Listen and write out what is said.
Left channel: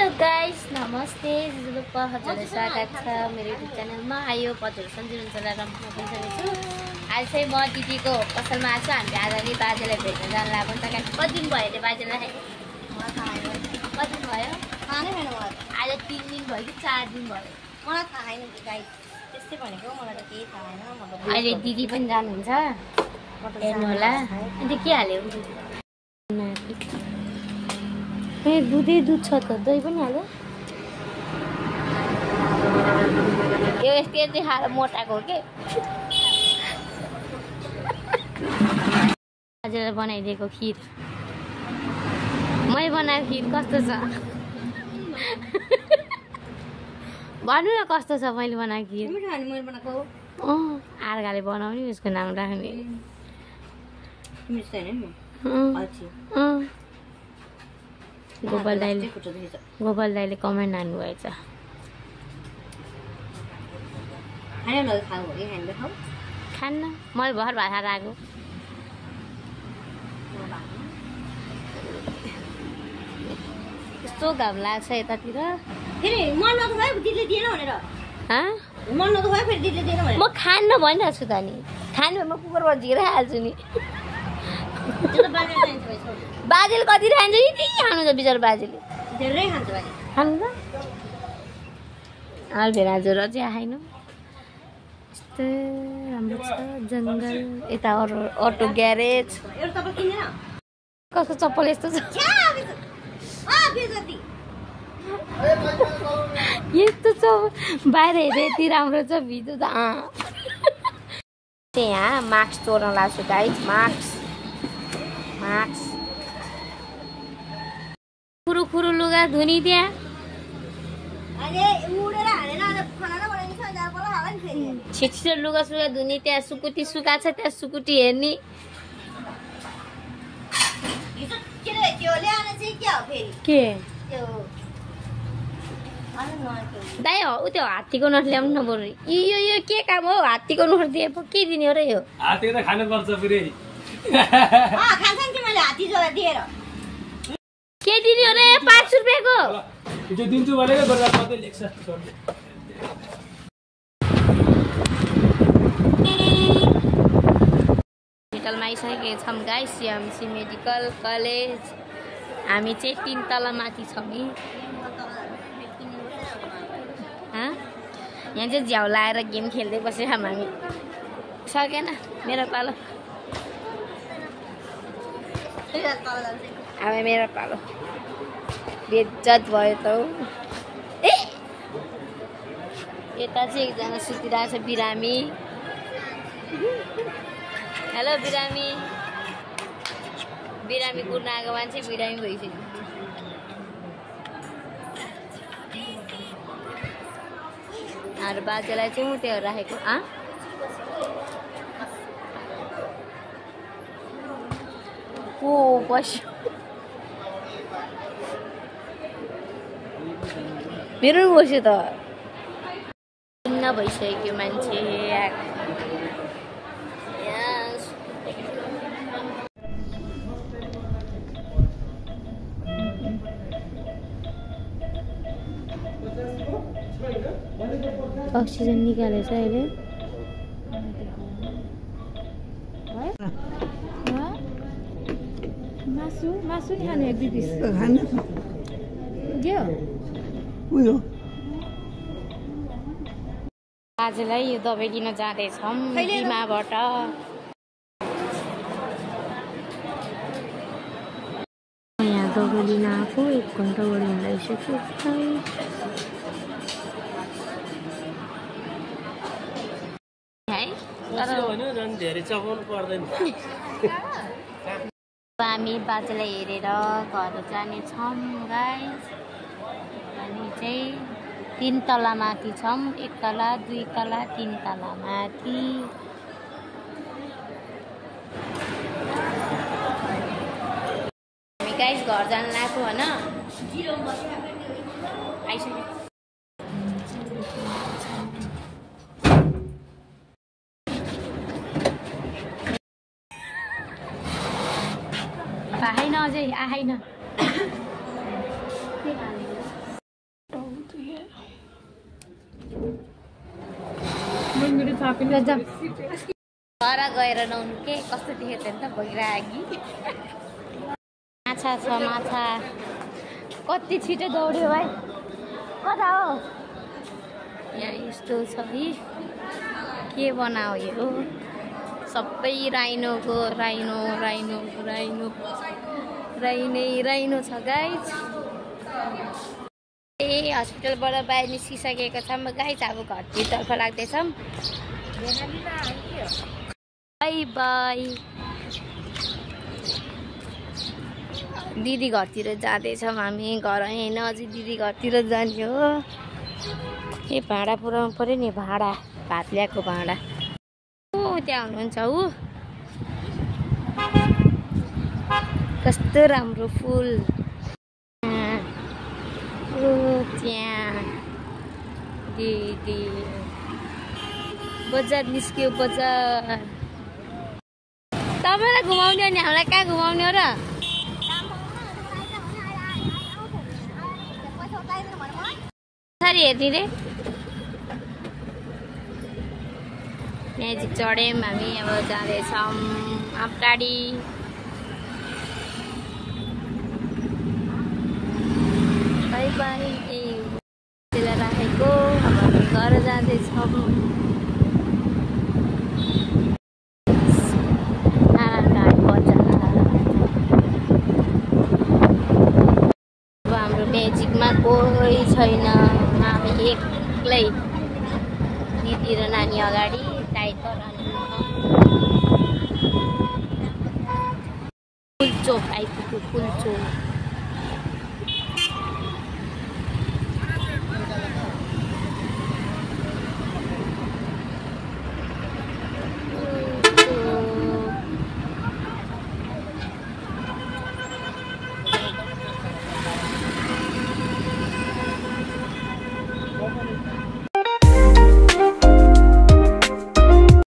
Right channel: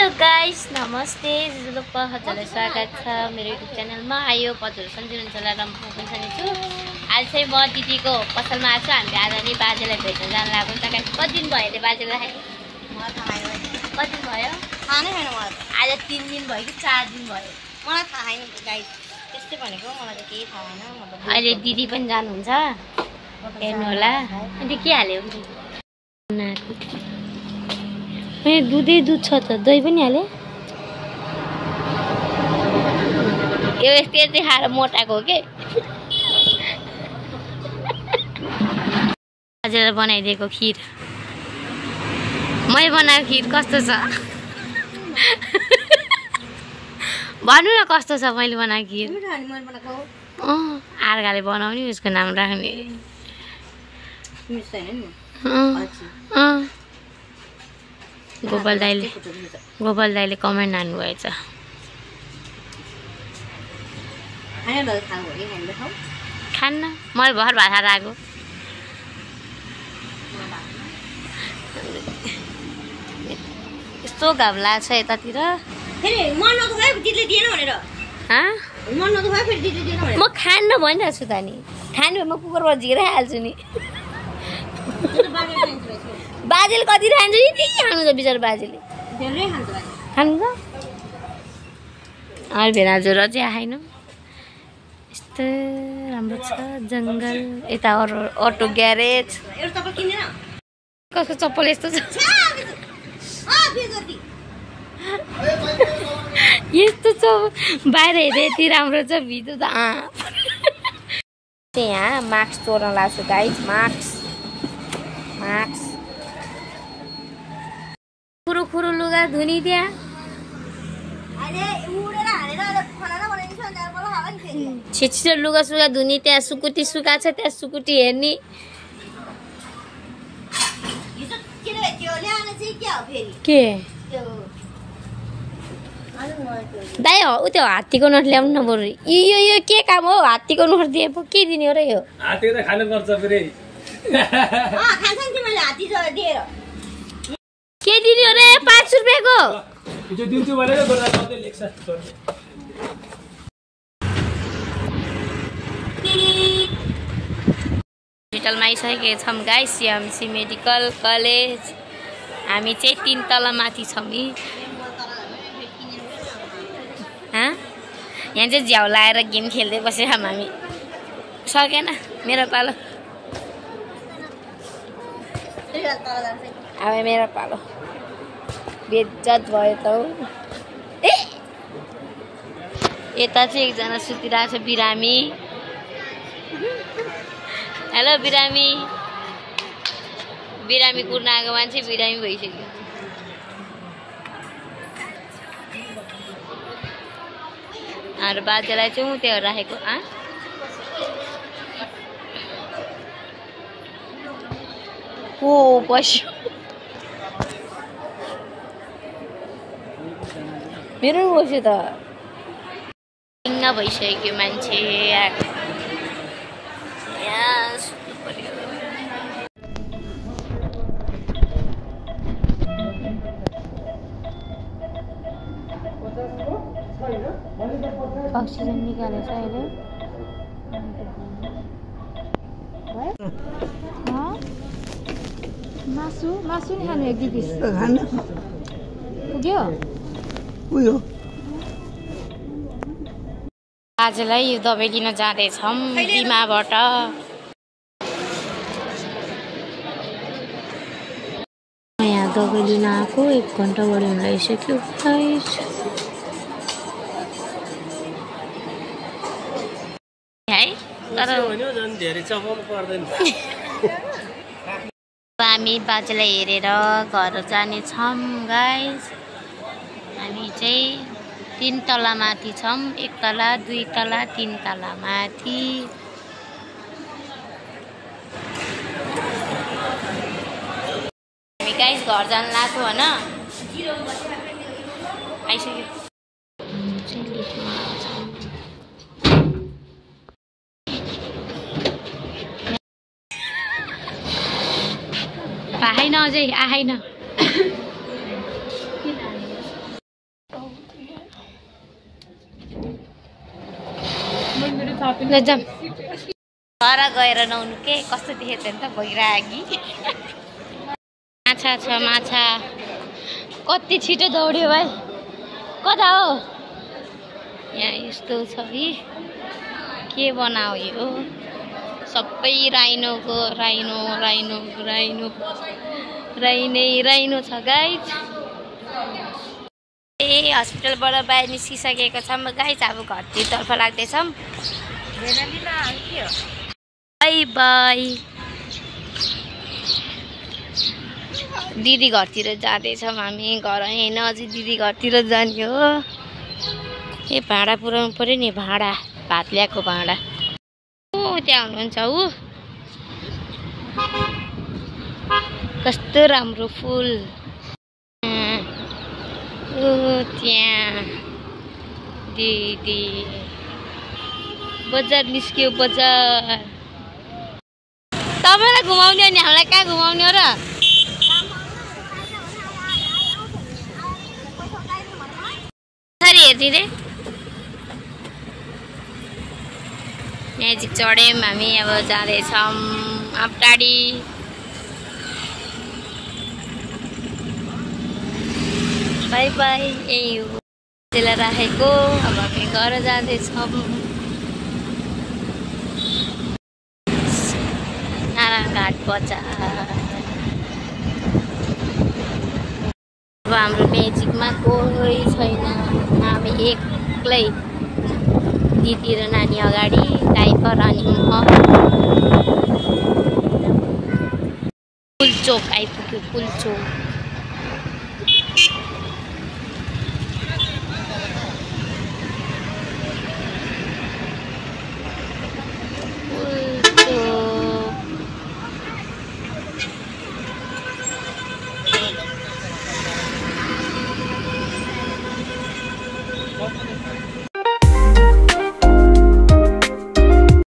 Hello guys, नमस्ते। हजुरलाई स्वागत छ मेरो युट्युब च्यानलमा। आयो हजुर सन्जिवन चलाएर म पनि छु। आज चाहिँ म दिदीको पसलमा आएको छु। हामीले आज नि बाजेलाई भेट्न जान लागेको नि त। कति दिन भयो अरे बाजेलाई? कति दिन भयो थाहा नै छैन मलाई। आज 3 दिन भयो कि 4 दिन भयो? मलाई थाहा छैन गाइस, त्यस्तै भनेको मलाई त केही थाहा छैन। अहिले दिदी पनि जानुहुन्छ, हेर्नु होला। अनि के हाल्यो? ए दुधै दुध छ त, दही पनि हाले। यो यस्तै खाएर मोटाको हो के? हजुरले बनाइदिएको खिर, मैले बनाएको खिर कस्तो छ भन्नु न, कस्तो छ मैले बनाएको खिर? आर्गाले बनाउने, उसको नाम राख्ने। गोपाल दाइले कमेन्ट हान्नुभएछ। खान्न, मैले भर भात खाएर आएको। यस्तो घाम लाग्छ यतातिर। म खान्न भनिरहेको छु त नि। खानु म कुकरमा झिकेर हाल्छु नि। बाजेले कति खान्छ? यति खानु त बिचरा बाजेले। खानु त अहिले भेना जोर चाहिँ आएन। यस्तो राम्रो छ जङ्गल। यता अटो ग्यारेज। कसको चप्पल यस्तो छ? यस्तो छ बाहिर हेर्दा यति राम्रो छ, भित्र त यहाँ मास्क चोर्न लाग्छु गाइस। मास्क खुरु लुगा धुनी त्यहाँ। छिटो लुगा सुगा धुनी त्यहाँ। सुकुटी सुका छ त्यहाँ, सुकुटी हेर्ने। के दाइ हो त्यो हात्तीको नोट ल्याउनु न बरु। यो के काम हो? हात्तीको नोट दिए पो के दिने हो र? यो हात्ती त खानु पर्छ फेरि। के दिने हो रे? 5 रुपियाँको हिजो दिन्छु भनेको गर्दा मात्रै लेख्छ। हस्पिटलमा आइसकेका छौँ गाइस, सिएमसी मेडिकल कलेज। हामी चाहिँ 3 तला माथि छौँ नि। यहाँ चाहिँ झ्याउ लाएर गेम खेल्दै बसेको छौँ हामी। सकेन मेरो पालो, अब मेरो पालो। बेइज्जत भयो त। ए यता चाहिँ एकजना सुतिरहेको छ, बिरामी। हेलो बिरामी। बिरामी कुर्न आएको मान्छे बिरामी भइसक्यो। अरू बाजेलाई चाहिँ ऊ त्यो राखेको। ओ बस्यो। मेरो बस्यो त। भइसक्यो मान्छे। यहाँ सुत्नु पर्यो। अक्सिजन निकालेछ अहिले। मासु नि खानु? 1-2 पिस पुग्यो। आजलाई यो दबाई लिन जाँदैछौँ बिमाबाट। यहाँ दबाई लिन आएको 1 घन्टा बढी हुन लागिसक्यो। है तर हामी बाजेलाई हेरेर घर जानेछौँ गाइस। हामी चाहिँ 3 तला माथि छौँ। 1 तला 2 तला 3 तला माथि। हामी गाइस घर जान लाग्यो होइन। आइसक्यो। आएन अझै आएन। जाम घर गएर नुहाउनु के कस्तो देखेछ नि त भइरागी माछा छ माछा कति छिटो दौड्यो भाइ कता हो यहाँ यस्तो छ है के बनाऊ यो सबै राइनोको राइनो राइनो राइनो राइनो छ गाइज ए हस्पिटलबाट बाहिर निस्किसकेको छौँ गाइज अब घरतिरतर्फ लाग्दैछौँ बाई बाई दिदी घरतिर जाँदैछौँ हामी घर होइन अझै दिदी घरतिर जाने हो ए भाँडा पुऱ्याउनु पऱ्यो नि भाँडा भात ल्याएको भाँडा त्यहाँ हुनुहुन्छ ऊ कस्तो राम्रो फुल त्यहाँ दिदी बजार निस्क्यो बजार तपाईँलाई घुमाउने अनि हामीलाई कहाँ घुमाउने हो र हेर्ने रे म्याजिक चढ्यौँ हामी अब जाँदैछौँ आपटाडी बाई बाई यही हो त्यसलाई राखेको अब हामी घर जाँदैछौँ नारायणघाट बजार अब हाम्रो म्याजिकमा कोही छैन हामी एक्लै दिदी र नानी अगाडि डाइपर अनि म पुलचोक आइपुग्यो पुलचोक